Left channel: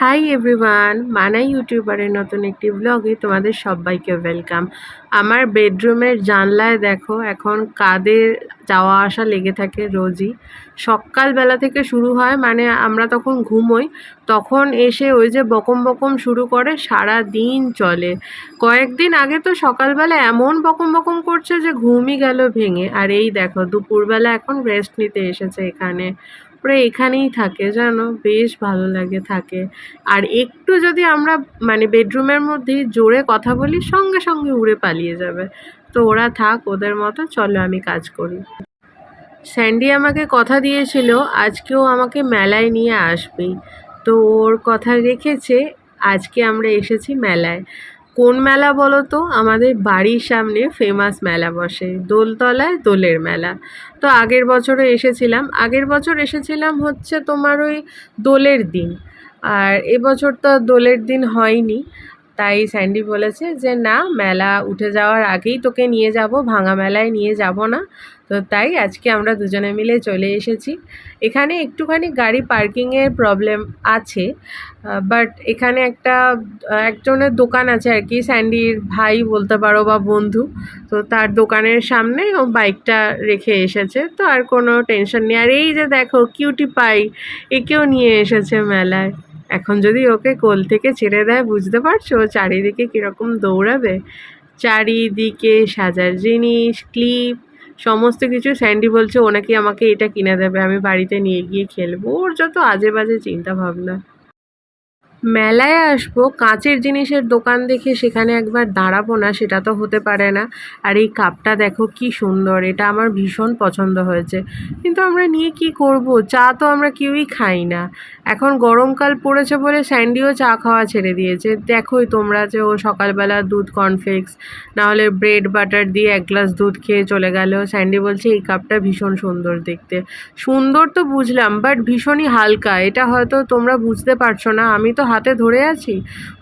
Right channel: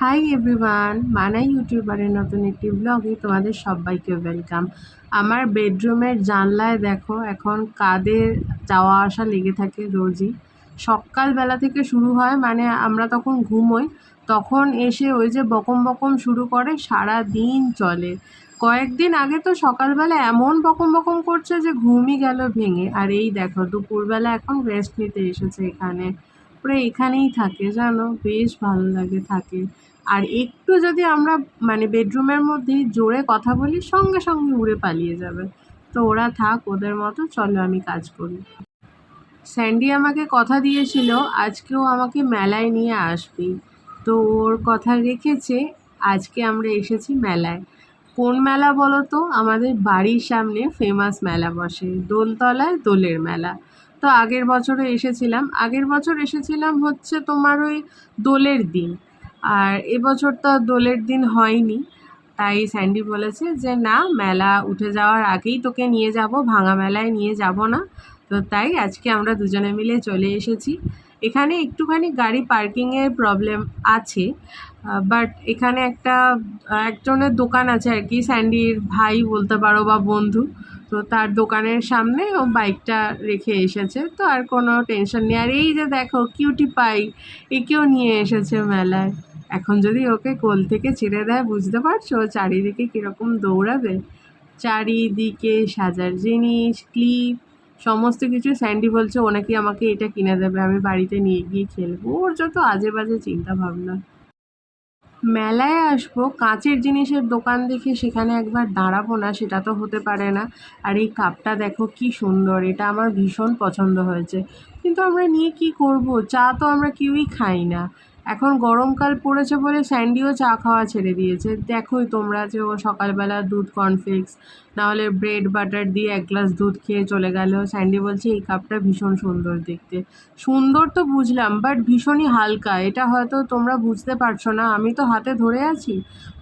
Hi everyone, মানা ইউটিউবারের নতুন একটি ব্লগে তোমাদের সবাইকে ওয়েলকাম। আমার বেডরুমের জানলায় দেখো এখন কাদের যাওয়া আসা লেগে থাকে রোজই। সকালবেলা থেকে শুরু হয়, মানে আমরা তখন ঘুমোই, তখন এসে ওই যে বকম বকম শুরু করে, সারা দিন চলে। কয়েকদিন আগে তো সকালবেলা এমন বকম বকম করছে যে ঘুমই গেল ভেঙে। আর এই দেখো দুপুরবেলা এখন রেস্ট নিতে এসেছে এখানে। ওরা এখানেই থাকে, জানো, বেশ ভালো লাগে থাকে। আর একটু যদি আমরা মানে বেডরুমের মধ্যেই জোরে কথা বলি, সঙ্গে সঙ্গে উড়ে পালিয়ে যাবে। তো ওরা থাক ওদের মতো, চলো আমি কাজ করি। স্যান্ডি আমাকে কথা দিয়েছিল আজকেও আমাকে মেলায় নিয়ে আসবেই, তো ওর কথা রেখেছে। আজকে আমরা এসেছি মেলায়। কোন মেলা বলো তো? আমাদের বাড়ির সামনে ফেমাস মেলা বসে, দোলতলায় দোলের মেলা। তো আগের বছর এসেছিলাম হচ্ছে তোমার ওই দোলের দিন। আর এবছর তো দোলের দিন হয়নি, তাই স্যান্ডি বলেছে যে না, মেলা উঠে যাওয়ার আগেই তোকে নিয়ে যাব, ভাঙা মেলায় নিয়ে যাব না। তো তাই আজকে আমরা দুজনে মিলে চলে এসেছি। এখানে একটুখানি গাড়ি পার্কিংয়ের প্রবলেম আছে, বাট এখানে একজনের দোকান আছে আর কি, স্যান্ডির ভাই বলতে পারো বা বন্ধু। তো তার দোকানের সামনে ও বাইকটা রেখে এসেছে, তো আর কোনো টেনশন নেই। আর এই যে দেখো কিউটি পাই, একেও নিয়ে এসেছে মেলায়। এখন যদি ওকে কোল থেকে ছেড়ে দেয়, বুঝতে পারছো চারিদিকে কীরকম দৌড়াবে। চারিদিকে সাজার জিনিস, ক্লিপ, সমস্ত কিছু। স্যান্ডি বলছে ও নাকি আমাকে এটা কিনে দেবে, আমি বাড়িতে নিয়ে গিয়ে খেলবো। ওর যত আজে বাজে চিন্তা ভাবনা। মেলায় আসবো, কাঁচের জিনিসের দোকান দেখে সেখানে একবার দাঁড়াবো না, সেটা তো হতে পারে না। আর এই কাপটা দেখো কি সুন্দর, এটা আমার ভীষণ পছন্দ হয়েছে। কিন্তু আমরা নিয়ে কি করব? চা তো আমরা কেউই খাই না। এখন গরমকাল পড়েছে বলে স্যান্ডিও চা খাওয়া ছেড়ে দিয়েছে। দেখোই তোমরা যে ও সকালবেলা দুধ কর্নফ্লেক্স নাহলে ব্রেড বাটার দিয়ে এক গ্লাস দুধ খেয়ে চলে গেল। স্যান্ডি বলছে এই কাপটা ভীষণ সুন্দর দেখতে। সুন্দর তো বুঝলাম, বাট ভীষণই হালকা। এটা হয়তো তোমরা বুঝতে পারছো না, আমি তো হাতে ধরে আছি,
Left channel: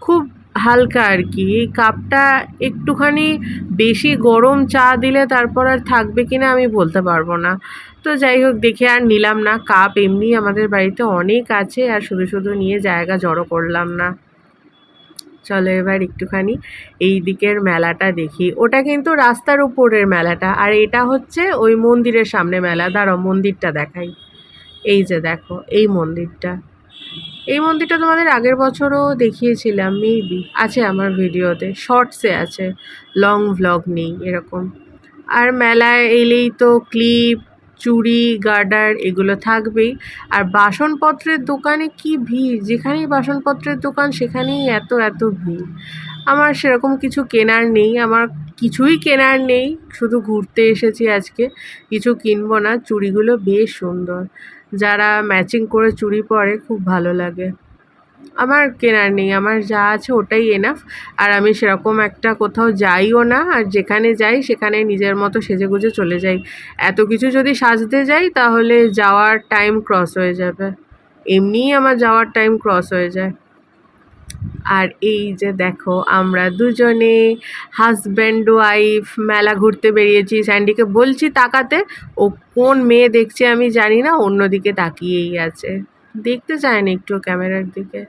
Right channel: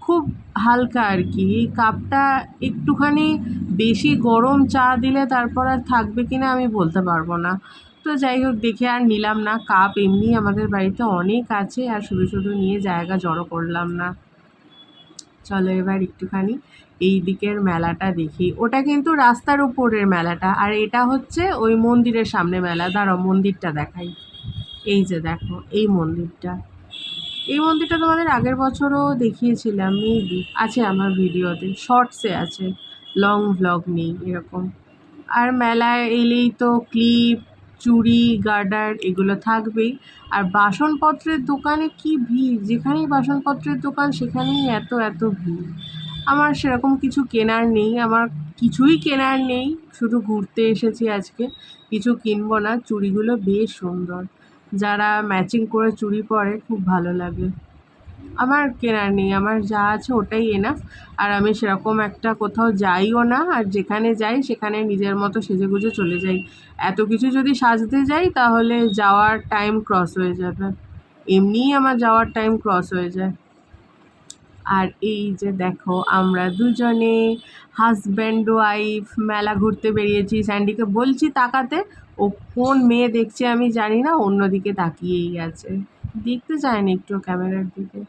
খুব হালকা আর কি। এই কাপটা একটুখানি বেশি গরম চা দিলে তারপর আর থাকবে কিনা আমি বলতে পারবো না। তো যাই হোক, দেখে আর নিলাম না। কাপ এমনি আমাদের বাড়িতে অনেক আছে, আর শুধু শুধু নিয়ে জায়গা জড়ো করলাম না। চলো এবার একটুখানি এই দিকের মেলাটা দেখি। ওটা কিন্তু রাস্তার উপরের মেলাটা, আর এটা হচ্ছে ওই মন্দিরের সামনে মেলা। দাঁড়াও মন্দিরটা দেখাই। এই যে দেখো এই মন্দিরটা তোমাদের আগের বছরও দেখিয়েছিলাম, মেবি আছে আমার ভিডিওতে, শর্টসে আছে, লং ভ্লগ নেই এরকম। আর মেলায় এলেই তো ক্লিপ, চুড়ি, গার্ডার এগুলো থাকবেই। আর বাসনপত্রের দোকানে কি ভিড়! যেখানেই বাসনপত্রের দোকান সেখানেই এত এত ভিড়। আমার সেরকম কিছু কেনার নেই, আমার কিছুই কেনার নেই, শুধু ঘুরতে এসেছি আজকে। কিছু কিনবো না। চুড়িগুলো বেশ সুন্দর, যারা ম্যাচিং করে চুড়ি পরে খুব ভালো লাগে। আমার কেনার নেই, আমার যা আছে ওটাই এনাফ। আর আমি সেরকম একটা কোথাও যাইও না, আর যেখানে যাই সেখানে নিজের মতো সেজেগুজে চলে যাই। এত কিছু যদি সাজতে যাই তাহলে যাওয়ার টাইম ক্রস হয়ে যাবে, এমনিই আমার যাওয়ার টাইম ক্রস হয়ে যায়। আর এই যে দেখো আমরা দুজনে হাজব্যান্ড ওয়াইফ মেলা ঘুরতে বেরিয়েছি। স্যান্ডিকে বলছি তাকাতে, ও কোন মেয়ে দেখছে আমি জানি না, অন্যদিকে তাকিয়েই আছে, দেখতে চায় না একটু ক্যামেরার দিকে।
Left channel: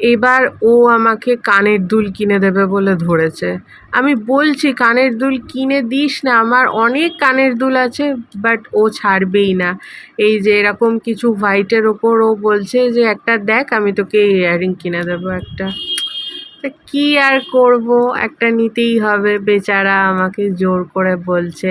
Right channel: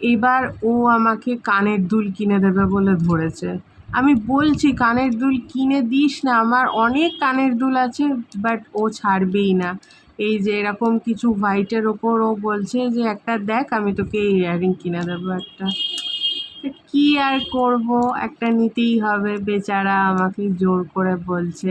এবার ও আমাকে কানের দুল কিনে দেবে বলে ধরেছে। আমি বলছি কানের দুল কিনে দিস না, আমার অনেক কানের দুল আছে, বাট ও ছাড়বেই না। এই যে এরকম কিছু হোয়াইটের ওপর ও বলছে যে একটা দেখ, আমি তোকে ইয়াররিং কিনে দেবো একটা। তা কী আর করব, একটা নিতেই হবে। বেচারা আমাকে জোর করে বলছে।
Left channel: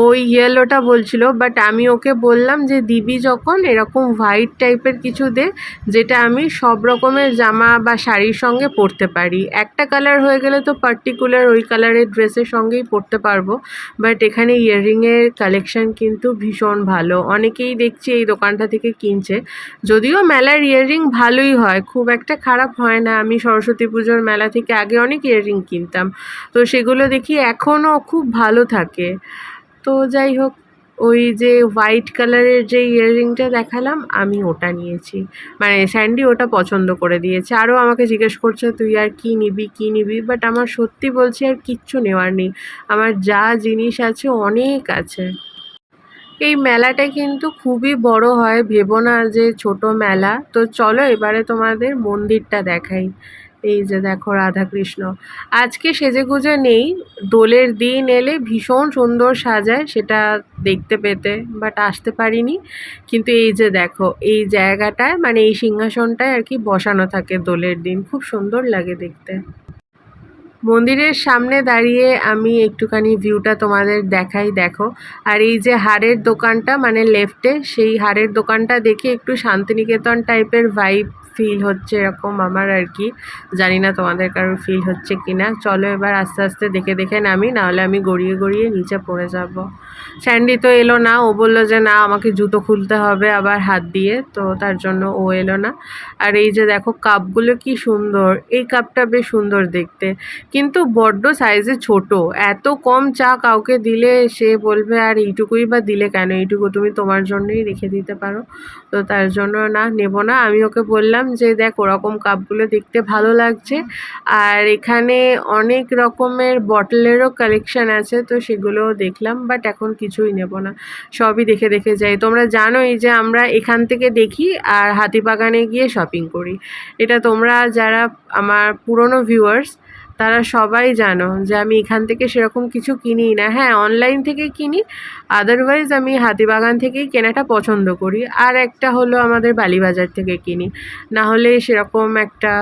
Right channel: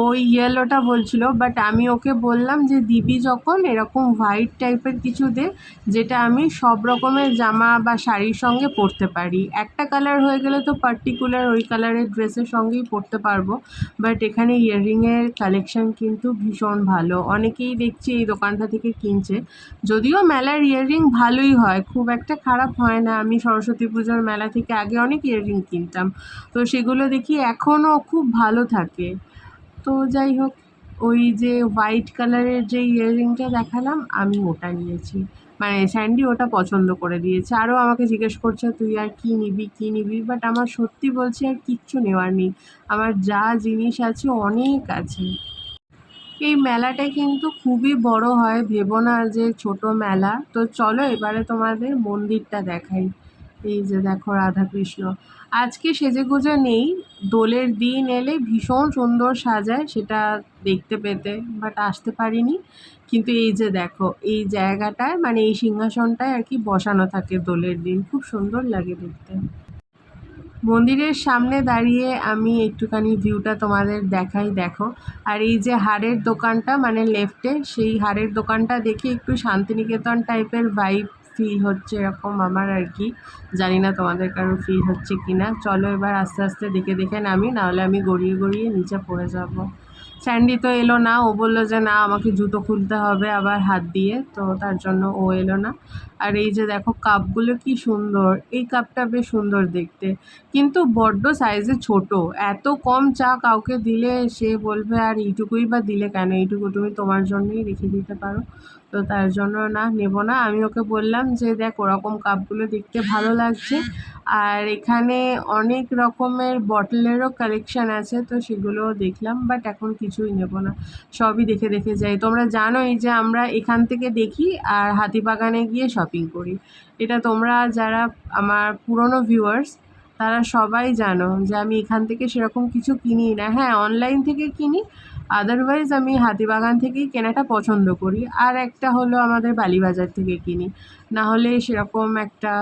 ওই ইয়েলোটা বলছিল, বাট আমি ওকে বললাম যে দিবি যখন এরকম হোয়াইট টাইপের কিছু দে, যেটা আমি সব রকমের জামা বা শাড়ির সঙ্গে পরতে পারি। একটা কালার হয়ে গেলে তো পার্টিকুলার ওই কালারের ড্রেসের সঙ্গেই পরতে পারবো। বাট এখানে ইয়াররিংয়ের কালেকশান কিন্তু ভীষণ ভালো, অনেকেই দেখছি এই দোকানটা থেকে কিনছে। যদিও মেলার ইয়াররিং ভালোই হয়, খুব একটা খারাপ হয় না। আমি সরস্বতী পুজোর মেলা থেকে আগে অনেক ইয়াররিং কিনতাম, তো সেগুলো দেখি এখনও খুব ভালো থাকে। তো যাই হোক, ওই যে হোয়াইট কালারের যে ইয়াররিংটা দেখালাম আমি ওটা নিয়েছি, মানে স্যান্ডি ওটা পছন্দ করে দিয়েছে। আরও আমাকে জিজ্ঞেস করছে তুই আর কী নিবি, বাট আমার সত্যি বলছি আর কিচ্ছু নেওয়ার নেই। আমার যা জিনিস আছে অনেক আছে। এই মেলাটা কিন্তু খুবই বড় হয়, ভেবো না যে ছোট মেলা। তো চলো এবারে তোমাদের মন্দিরটা দেখাই। এই যে দেখো রাধাকৃষ্ণ আজকে সেজেগুজে নেই, দোলের দিন এলে ভীষণ সুন্দর সাজায়, সেটা দেখতে পেতে, বাট আসতে পারিনি। কিন্তু এই যে দেখো এই জায়গাটায় মানে এই সিংহাসনটায় আর কি বসানো থাকে দোলের দিন, খুব সুন্দর লাগে দেখতে। মন্দিরের সামনে দাঁড়িয়ে আমি একটুখানি ভিউটা তোমাদের দেখাই, দেখো। আর এই যে হাড়ের দোকানটা মানে লেফটে, সেই হাড়ের দোকানটা দেখে একটু শান্তিনিকেতন টাইপের ভাইব ফিল হচ্ছে এরকম আমার আর কি। জানি না তোমাদের কারোর ফিল হচ্ছে কি না। চলো এবার আস্তে আস্তে দেখে দেখে নামি, নাহলে আমি গড়িয়ে গড়িয়ে নিচে পড়ে যাব। স্যান্ডি তো এলো না, ও বললো যে না আমাকে জুতো খুলতে হবে আবার হাত দিয়ে, তো তার জন্য ও এলো না। আর এই যে দেখো কাপগুলো কি সুন্দর, এই কাপটা বেশ সুন্দর দেখতে, কিন্তু বড্ড সাইজে ছোট। এত কম চা কাউকে দিলে সে বলবে আর এইটুকুই বা দিলে কেন, এইটুকু তুমি তোমার জন্যই রেখে দিতে পারো। তো তার জন্য না, নেব না। আমি ওকে বললাম যে দেখ ওরকম কাপগুলো দেখতে ভালো লাগছে, আর এখানে অনেক রকমের বটলেরও কালেকশন আছে, তো সেগুলোও দেখলাম, বাট এখন কিছুই নেব না, সবই দেখে দেখে যাই। তোমরা জানোই যে আমরা এখান থেকে দেখি আর হাতিবাগানে গিয়ে শপিং করি। এটা তোমরা যারা আমার পুরনো ভিউয়ার্স তারা সবাই জানো যে আমি এখান থেকে সেরকম কিছু কিনি না। হ্যাঁ, অনলাইন থেকে কিনি, আদারওয়াইজ আমি হাতিবাগান থেকেই কেনাটা পছন্দ করি। আর একটা হলো আমাদের বালিবাজার থেকে কিনি, না হলে সেরকম একটা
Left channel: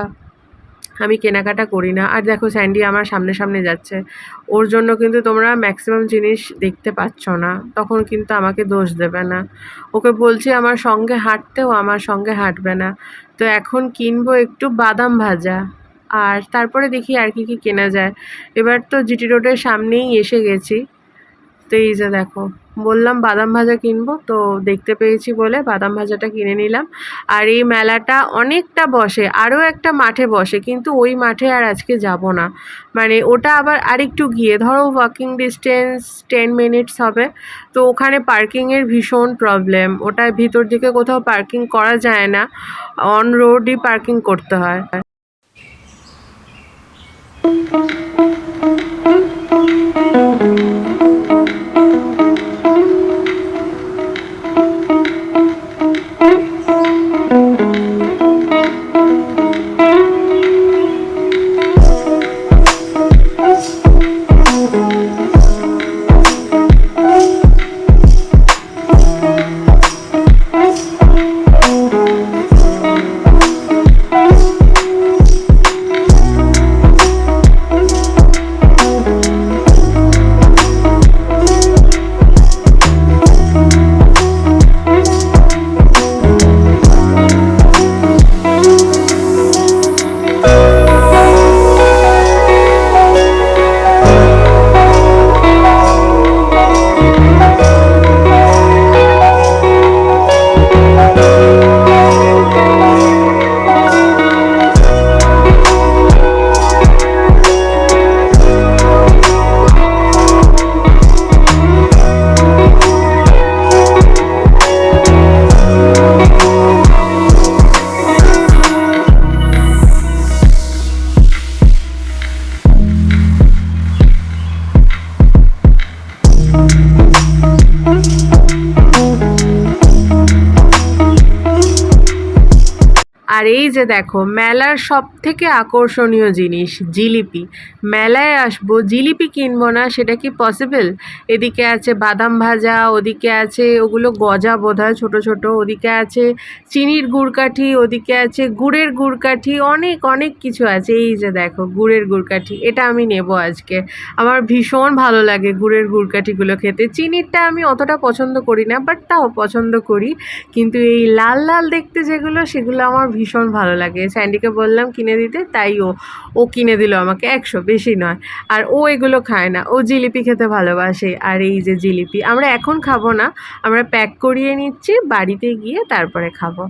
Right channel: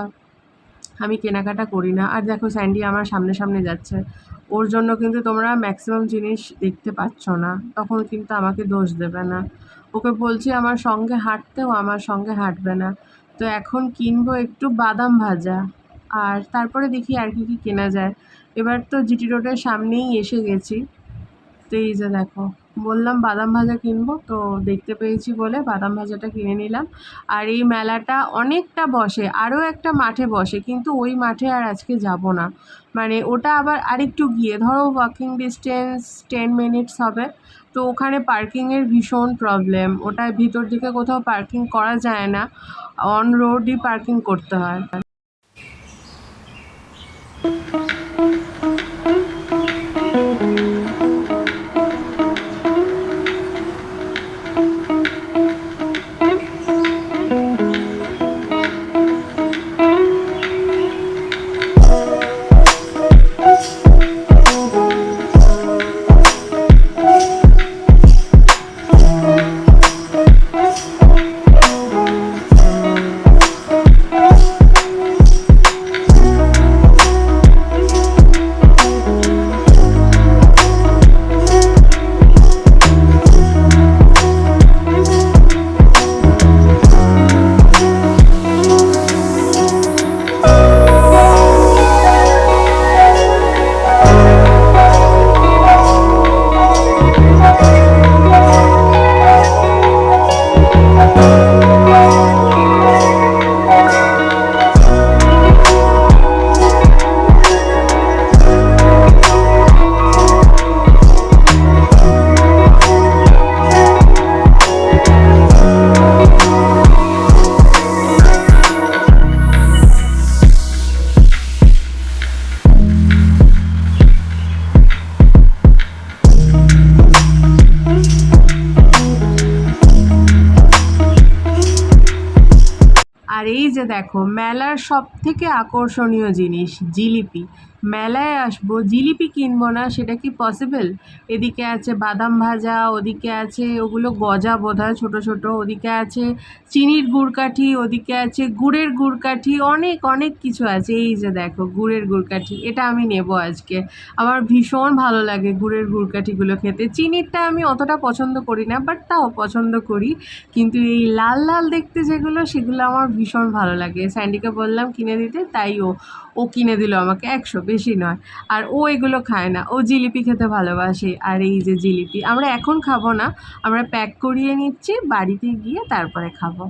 আমি কেনাকাটা করি না। আর দেখো স্যান্ডি আমার সামনে সামনে যাচ্ছে, ওর জন্য কিন্তু তোমরা ম্যাক্সিমাম জিনিস দেখতে পাচ্ছ না, তখন কিন্তু আমাকে দোষ দেবে না। ওকে বলছি আমার সঙ্গে হাঁটতেও, আমার সঙ্গে হাঁটবে না। তো এখন কিনবো একটু বাদাম ভাজা, আর তারপরে দেখি আর কি কি কেনা যায়। এবার তো জিটি রোডের সামনেই এসে গেছি। তো এই যে দেখো বললাম বাদাম ভাজা কিনবো, তো দেখতে পেয়েছি বলে বাদাম ভাজাটা কিনে নিলাম। আর এই মেলাটা অনেকটা বসে, আরও একটা মাঠে বসে, কিন্তু ওই মাঠে আর আজকে যাব না। মানে ওটা আবার আরেকটু গিয়ে ধরো ওয়াকিং ডিস্টেন্স 10 মিনিটস হবে। তো ওখানে পার্কিংয়ের ভীষণ প্রবলেম, ওটা ভিতর দিকে কোথাও পার্কিং করা যায় না, অন রোডই পার্কিং করতে হয়। আর এই যে দেখো মেলার সব থেকে আকর্ষণীয় জিনিস জিলিপি। মেলায় আসবো জিলিপি কিনবো না, সেটা কি পসিবল? এদিকে আছে বাদাম ভাজা, ওদিকে আছে ওগুলো গজা বোধহয় ছোটো ছোটো, ওদিকে আছে চিনির গুড়কাঠি, ওদিকে আছে গুড়ের গুড়কাঠি, অনেক অনেক কিছু আছে। এই যে দেখো গুড়ের গুড়কাঠি, এটা আমি নেব আজকে। আমার ভীষণ ভালো লাগে গুড়ের গুড়কাঠিগুলো খেতে। চিনিরটা আমি অতটা পছন্দ করি না, বাট তাও পছন্দ করি। কিন্তু এই লাল লাল দেখতে যেগুলো, সেগুলো আমার ভীষণ ভালো লাগে। স্যান্ডিকে বললাম কিনে দিতে, তাই ও কিনে দিল আমাকে 100, বেশি নয়। আর ও এগুলো খায় না, ও জিলিপি খেতে ভালোবাসে। আর এই যে জিলিপি আমরা এখন খাবো না, আমরা প্যাক করিয়ে নিচ্ছি, বাড়িতে গিয়ে তারপরে খাবো।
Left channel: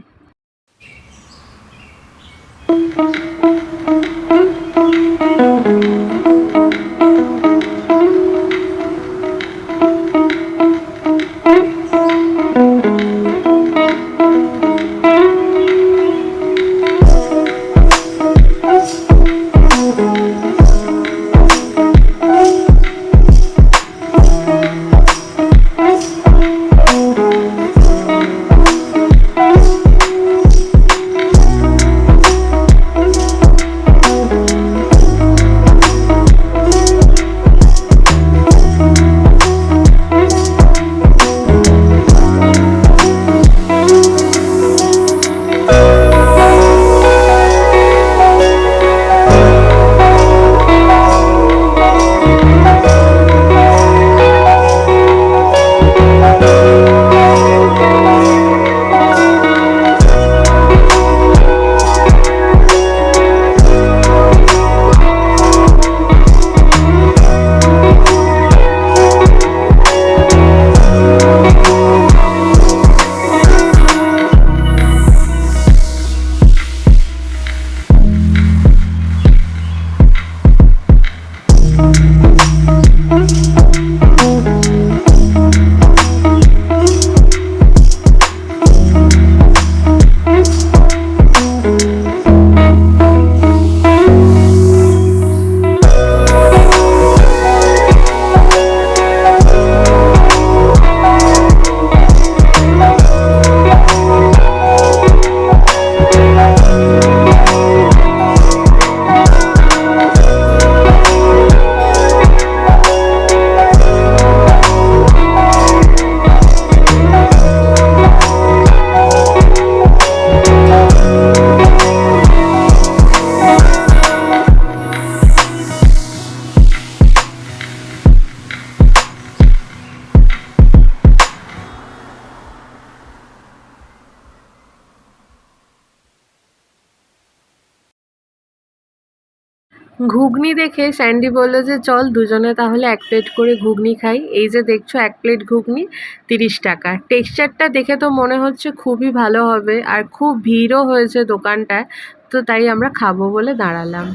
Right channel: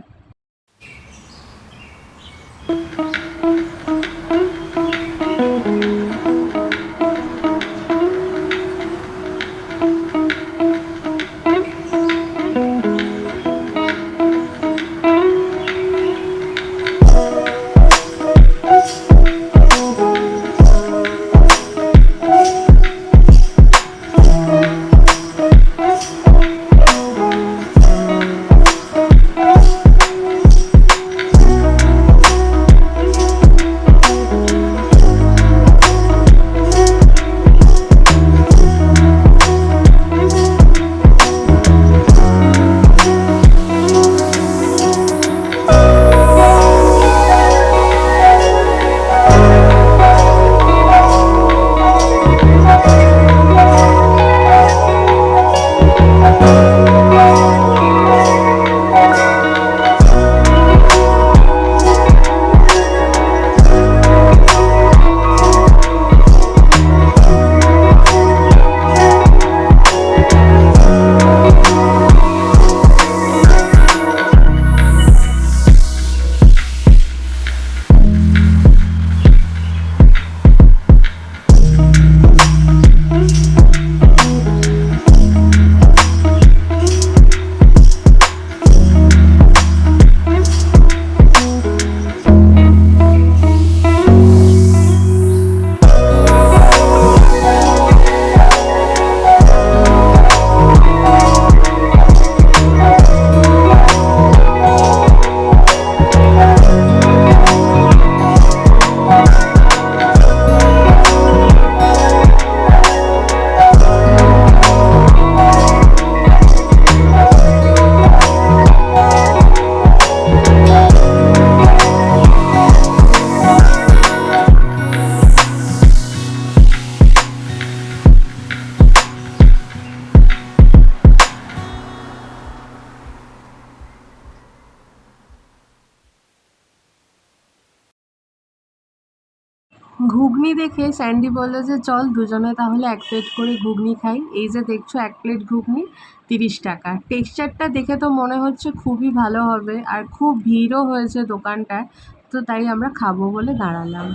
ঘুগনি দেখে স্যান্ডি বললো যে চল দুজনে তাহলে 1 প্লেট করে ঘুগনি খাই। এই যে দেখছো 1 প্লেট ঘুগনি 30 টাকা। টেক্সচারটা দেখে তো মনে হচ্ছে খুবই ভালো হবে, আর খুব ভিড়ও হয়েছে দোকানটায়, তো তাই আমরা খাবো বলে দাঁড়ালাম।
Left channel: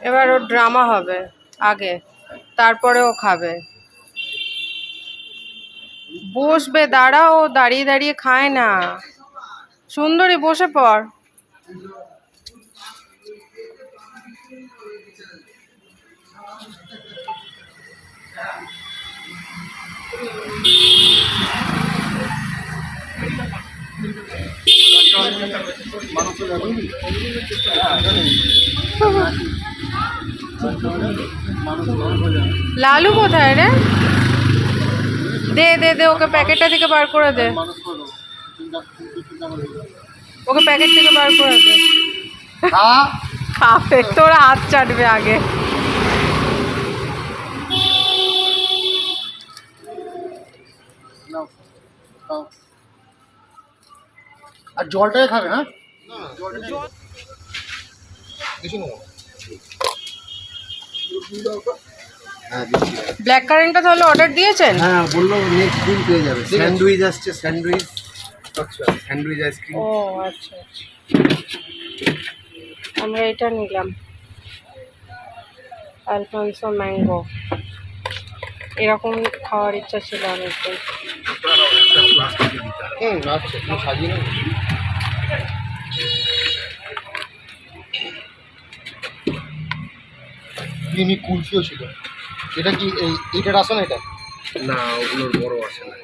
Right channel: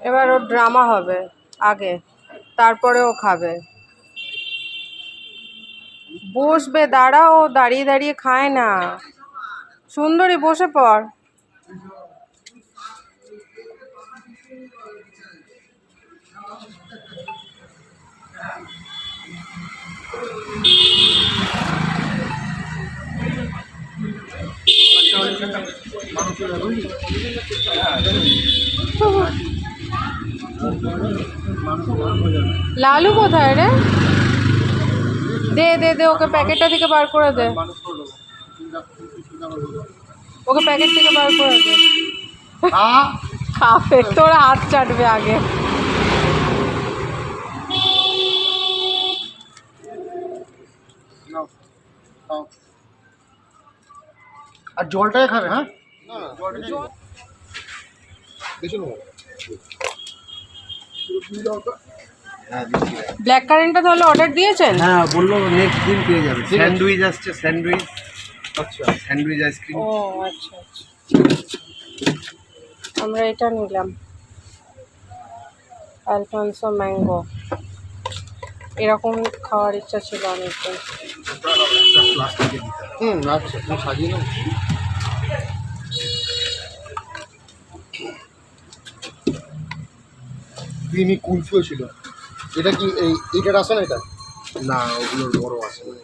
এবার ওর ড্রামা হবে আগে, তারপরে ও খাবে। বসবে, দাঁড়া, ও দাঁড়িয়ে দাঁড়িয়ে খায় না। সুন্দরী বসে পড়। লালু কোথায় রে? দে দে দে, ওকে প্যাকেটটা থেকে বার করে দে, ওকে প্যাকেট থেকে বার করে দে। খাবে, তোরা হাত চাটবে আগে। আর জলটাই খাবে। হ্যাঁ, ব্ল্যাক কারেন্টটা তাহলে অর্ডার দিয়েছেন? হ্যাঁ বললো নেক্সট দিন পেয়ে যাবে। স্যান্ডউইচ আসছে, স্যান্ডউইচ। আচ্ছা, স্যান্ডউইচ আইসক্রিম। ও আচ্ছা আচ্ছা, আমরা এটা নিলাম, আলফানসো ম্যাঙ্গো। এরকম খাওয়ার ইচ্ছা ছিল অনেকদিন। আচ্ছা, তুমি সাজিয়ে নাও। ক্রিমি কুলফিও ছিল। এটা কি এইটার আসে না? এটা না, ওগুলোর বড় আসে না।